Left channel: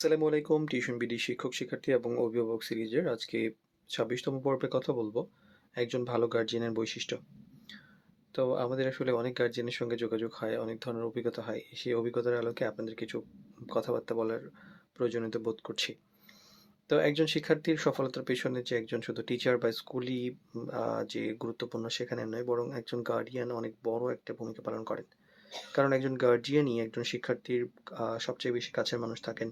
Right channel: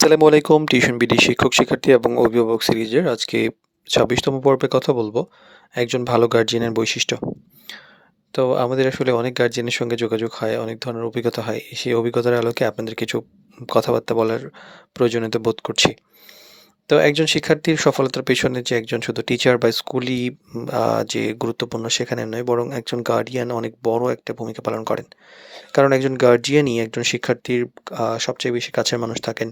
আসসালামু আলাইকুম। Tuition BD শিক্ষক, শিক্ষার্থী এবং অভিভাবক সিরিজের আজকে ২৬তম পর্বে কথা বলবো একজন ভালো গার্ডিয়ানের বৈশিষ্ট্য। তো আমাদের আসলে অনেক গার্ডিয়ানের সঙ্গে যোগাযোগ হয়, অনেক ধরনের অভিজ্ঞতা হয়। সেই অভিজ্ঞতার আলোকে আপনাদের কিছু কথাবার্তা বলার প্রয়োজনীয়তা বোধ করছি। তো একজন শিক্ষার্থীর সফলতার পেছনে যে একজন শুধু টিচার বা স্কুলই যে গুরুত্বপূর্ণ সেখানে নয়, বরং একজন গার্ডিয়ান অনেক বড় একটা ভূমিকা পালন করেন। কারণ একজন গার্ডিয়ানই একজন শিক্ষার্থীর সবচেয়ে বেশি কাছের মানুষ থাকেন,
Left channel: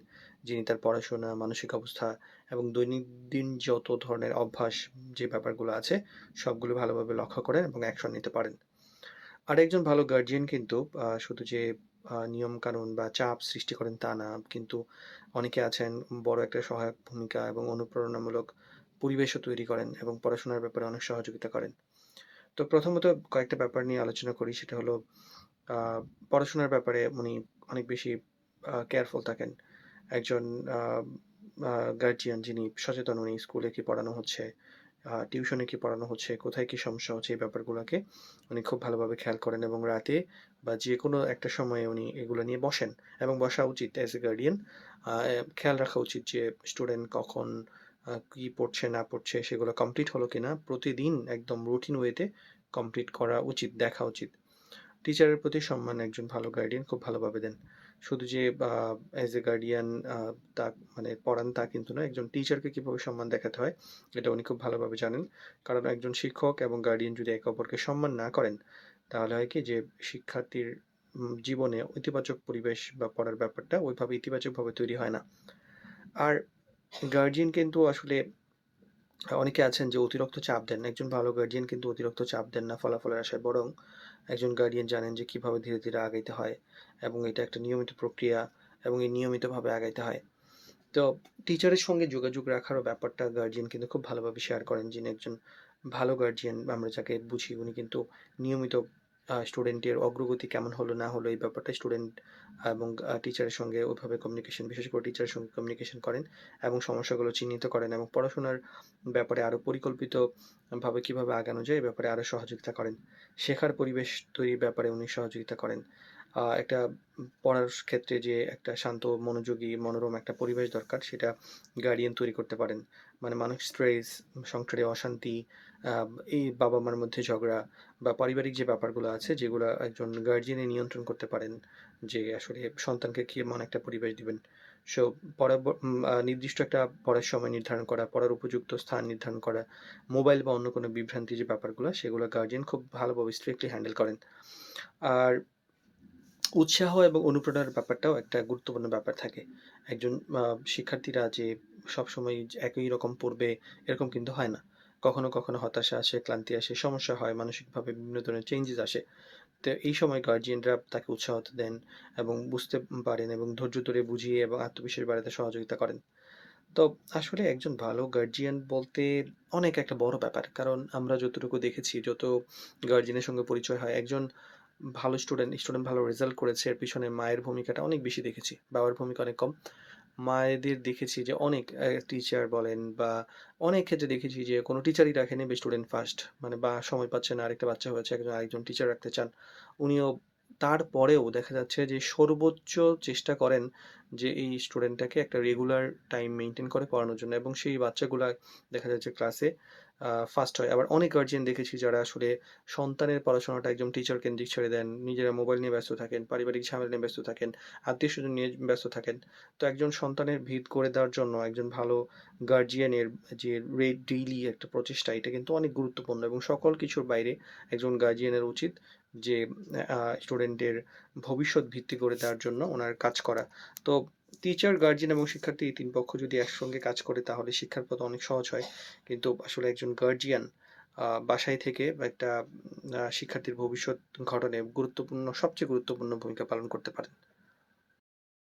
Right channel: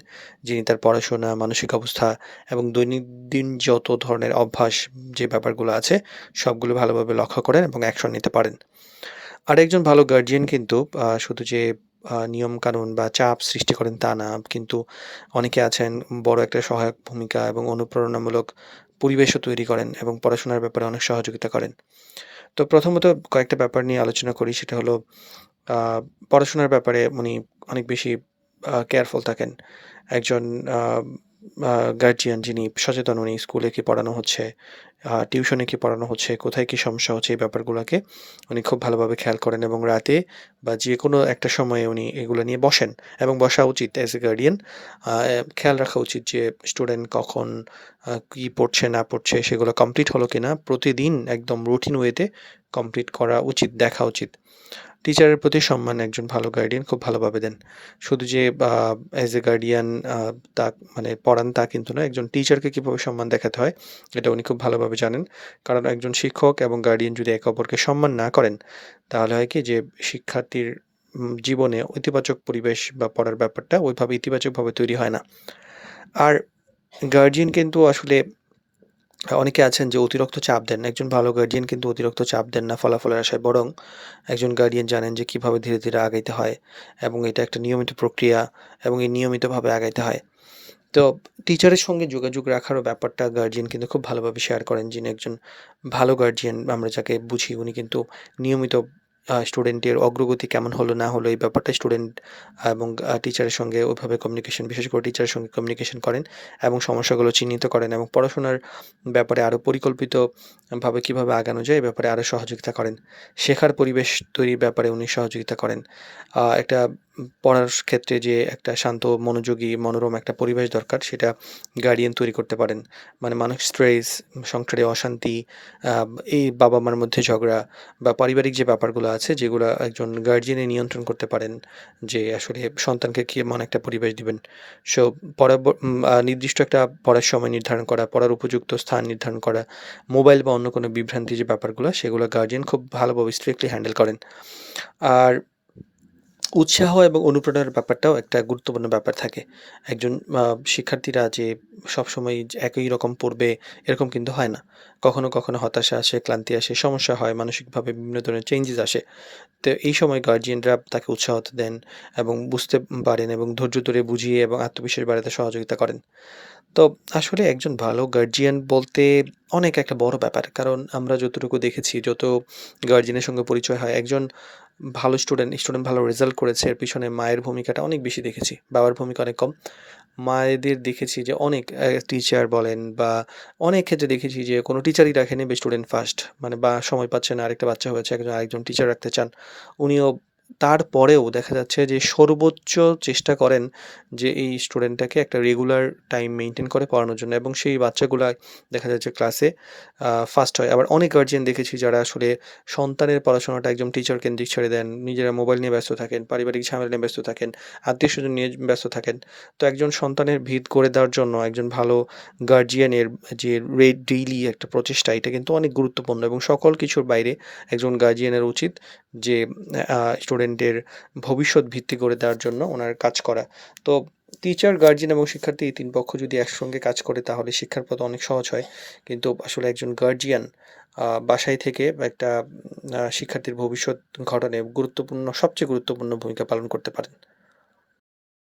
যিনি তার পড়াশোনা, মানসিক অবস্থা এবং দৈনন্দিন যত ধরনের অভ্যাস যে ব্যাপারগুলো আছে, সবগুলো ভালোভাবে লক্ষ্য করেন এবং অ্যাকশন নিতে পারেন। আরেকজন ভালো গার্ডিয়ান কিন্তু শুধু যে নিয়মকানুন বা চাপ সৃষ্টি করেন তা না, কিন্তু অনেকে আছেন বড় একটা সহায়ক ভূমিকা এবং অনুপ্রেরণামূলক পরিবেশও তৈরি করেন এবং পড়াশোনার ব্যাপারে অনেক সহযোগিতা করেন। তো প্রথমত কয়েকটা ব্যাপার নিয়ে আলোচনা করি, সেটা হলো আ পড়াশোনার ব্যাপারে উনি অনেক বেশি কেয়ারফুল থাকেন। একজন আ আ গার্ডিয়ান যিনি সচেতন, উনি স্কুলে কি পড়ানো হচ্ছে, টিউশনে কি পড়ানো হচ্ছে, কোথায় কি সমস্যা হচ্ছে, এই ব্যাপারগুলাকে উনি খুব ভালোভাবে খেয়াল করেন এবং রাতে বা যেকোনো একটা সময়ে উনি এগুলো নিয়ে বসেন এবং বসা উচিত অ্যাজ এ গার্ডিয়ান। খেয়াল রাখা উচিত যে স্টুডেন্ট কখন কি পড়ছে না পড়ছে, সেগুলো কমপ্লিট হলো কিনা প্রতিদিন একদম রুটিন ওয়েতে কমপ্লিট করা উচিত, দেখা উচিত। টিচারের প্রতি সম্মান একজন ভালো গার্ডিয়ান খুব ভালোভাবে দেন। শুধু যে অ্যাজ এ গার্ডিয়ান আ তা মানে পড়ান তা কিন্তু নয়। একজন টিচারকে কিভাবে সম্মান দেখাতে হয় এটা উনি খুব ভালোভাবে জানেন। কারণ একজন শিক্ষক এবং গার্ডিয়ান যদি একে অপরকে সম্মান না করেন, তাহলে হয় কি যে শিক্ষার্থীর জীবনে ইতিবাচক পরিবেশ বা পড়ার ব্যাপারটা ওইভাবে ইতিবাচকভাবে তৈরি হয় না। আর গার্ডিয়ান কিন্তু আসলে অনেকে আছেন যে অতিরিক্ত চাপ দেন। একজন ভালো গার্ডিয়ান কিন্তু অতিরিক্ত চাপ দেন না ফলাফলের আশায়। বরং একজন গার্ডিয়ান জানেন যে কিভাবে ধীরে, ধীরে আগাইতে হয় এবং এটা একটা নিয়মিত প্রক্রিয়া এবং এই নিয়মিতভাবে আগাইতে হয়। তো টিচারের সঙ্গে যোগাযোগ রাখারও ব্যাপারটা গার্ডিয়ান কিন্তু খুব ভালোভাবে শেয়ার করেন। যিনি একজন ভালো গার্ডিয়ান আমরা যাকে বুঝি, উনি কিন্তু নিয়মিত স্টুডেন্টের অগ্রগতি কেমন হলো না হলো এই ব্যাপারটা স্টুডেন্ট এবং টিচারের সঙ্গে ওইভাবে কমিউনিকেশন, বিশেষ করে টিচারের সঙ্গে কমিউনিকেশন করেন এবং সমস্যাগুলো চিহ্নিত করেন এবং পড়াশোনার ব্যাপারে আরও পরিকল্পিতভাবে কিভাবে আগানো যায়, এ ব্যাপারে আরও সহযোগিতা করেন। শেখার পরিবেশ তৈরির ব্যাপারে উনি সহযোগিতা করেন। একটা পড়ার ক্ষেত্রে যে একটা শান্ত, মনোযোগী, মনোরম একটা পরিবেশ দরকার, সেটা গার্ডিয়ান তৈরি করতে পারেন। মানে মানসিক স্ট্রেস, সংসারে অশান্তি, আ এই বাবা-মার মধ্যে ঝগড়া বা পারিবারিক যে ব্যাপারগুলো আছে, যেগুলা একজন গার্ডিয়ানই নিয়ন্ত্রণ করতে পারেন, যে আসলে সন্তানকে কেমন একটা পরিবেশ দিবেন। সো পড়া ব উম আ নির্দিষ্ট একটা পড়ার সময় নির্ধারণ করা, পড়ার উপযুক্ত স্থান নির্ধারণ করা, মোবাইল বা অন্য কোনো বিভ্রান্তি যে ব্যাপারগুলো, সেগুলো গার্ডিয়ান খুব ভালোভাবে স্ট্রিক্টলি হ্যান্ডেল করেন। আর উৎসাহ এবং অনুপ্রেরণার ব্যাপারটাও একটা গুরুত্বপূর্ণ ব্যাপার থাকে। একজন শিক্ষার্থীরা যে সবসময় যে একই রকম পড়বে এরকম কিন্তু হয় না। কখনো, কখনো হতাশা আসে, ক্লান্তি আসে, সমস্যা হয়, মানসিকভাবে বিভিন্ন ধরনের চেঞ্জেস আসে। তো এই সময় গার্ডিয়ানরা তাকে উৎসাহ দেন এবং বুঝতে পারেন এবং ধৈর্য ধরে বুঝিয়ে এবং আত্মবিশ্বাস বাড়াতে সহযোগিতা করেন। তো আসলে একজন ভালো গার্ডিয়ান বলতে অনেক একটা বড় ব্যাপার। কারণ আমরা যতটুকু দেখেছি, যত গার্ডিয়ানের সঙ্গে পরিচয় হয়, একজন ভালো স্টুডেন্ট ভালো রেজাল্ট করেছে, এর পিছনে মায়ের ভূমিকাটা অনেক বেশি দেখেছি। বাবার ভূমিকা অনেক কম। মায়েদের দেখেছি যে অনেক টিচার বলেন বা অনেক ক্ষেত্রে দেখেছি যে কোনো টিচারই রাখেনি স্টুডেন্ট ফার্স্ট। মানে বা সময় পাচ্ছে না, আরেকটা বাচ্চা হয়েছে, আরেকজন টিচার রাখতে চান। উনিও তারপরেও দেখা যাচ্ছে যে সর্বোচ্চ চেষ্টা করেন যে এই স্টুডেন্টটাকে একটা রেগুলার টাইম মেইনটেইন করে পড়ানোর জন্য এবং সেই বাচ্চাগুলা দেখা যাচ্ছে ক্লাসে ফার্স্ট হয়। আবার অনেক গার্ডিয়ান দেখেছি যারা আসলে সন্তানের পড়াশোনাটা একদম টিচার কেন্দ্রিক ছেড়ে দেন। নিজেরা মোবাইল নিয়ে ব্যস্ত থাকেন, পারিবারিক ঝামেলা নিয়ে ব্যস্ত থাকেন, আত্মীয়স্বজন নিয়ে ব্যস্ত থাকেন। তো একজন সন্তানের ভিত গড়ে দেওয়ার জন্য একজন ভালো গার্ডিয়ানের যে ডেইলি একটা প্রচেষ্টা, এটা কিন্তু অনেক গুরুত্বপূর্ণ এবং সকল কিছুর বাইরে একজন গার্ডিয়ানের উচিত যে স্টুডেন্টের ভবিষ্যৎ ভিত্তি গড়ে দেওয়ার জন্য উনার কাজ করা। তো টিচার, গার্ডিয়ান এবং শিক্ষার্থী এই ৩ পক্ষ যদি একসঙ্গে কাজ করে তাহলে শিক্ষার পথ অনেক সহজ হয়। কিন্তু আসলে একজন গার্ডিয়ান বাসায় থেকে একটা শিক্ষার্থীর ভবিষ্যৎ গঠনে সবচেয়ে গুরুত্বপূর্ণ ভূমিকা পালন করতে পারেন।